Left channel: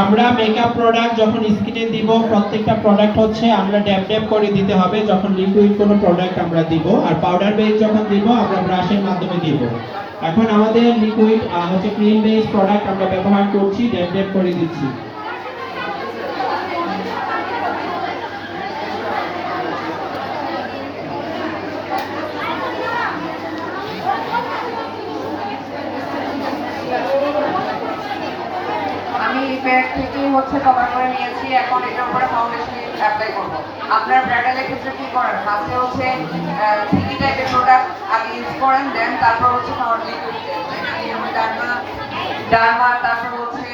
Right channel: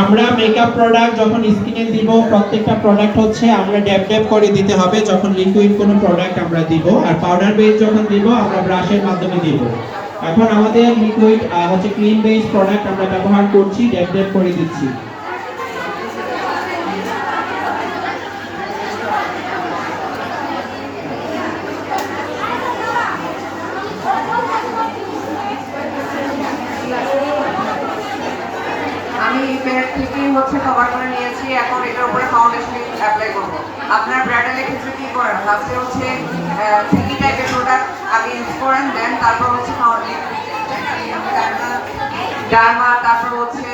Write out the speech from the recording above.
আমরা makeup product যখন স্কিনে দিব প্রত্যেকটা প্রোডাক্ট হচ্ছে আমরা ড্যাব ড্যাব করে দিতে হবে যখন লিকুইড কোনো প্রোডাক্ট আমরা দিব, আর পাউডার বেস যখন দিব আমরা ব্রাশের মাধ্যমে দিব। এখন আমাদের লিকুইড হচ্ছে ক্রিম বেস প্রোডাক্ট আমরা ব্যবহার করছি, ড্যাব ড্যাব করে দিচ্ছি। আমি ব্যাগ থেকে হচ্ছে কভার করে নিয়েছি, এখন এটার উপরে ফাউন্ডেশন অ্যাপ্লাই করব। আপনার ব্রাইডালের ক্ষেত্রে কি করেন, ফার্স্টে হচ্ছে 3D টাইপের প্রোডাক্ট আগে ইউজ করেন, দেন তারপর হচ্ছে ফাউন্ডেশন, ডার্মা, তারপর হচ্ছে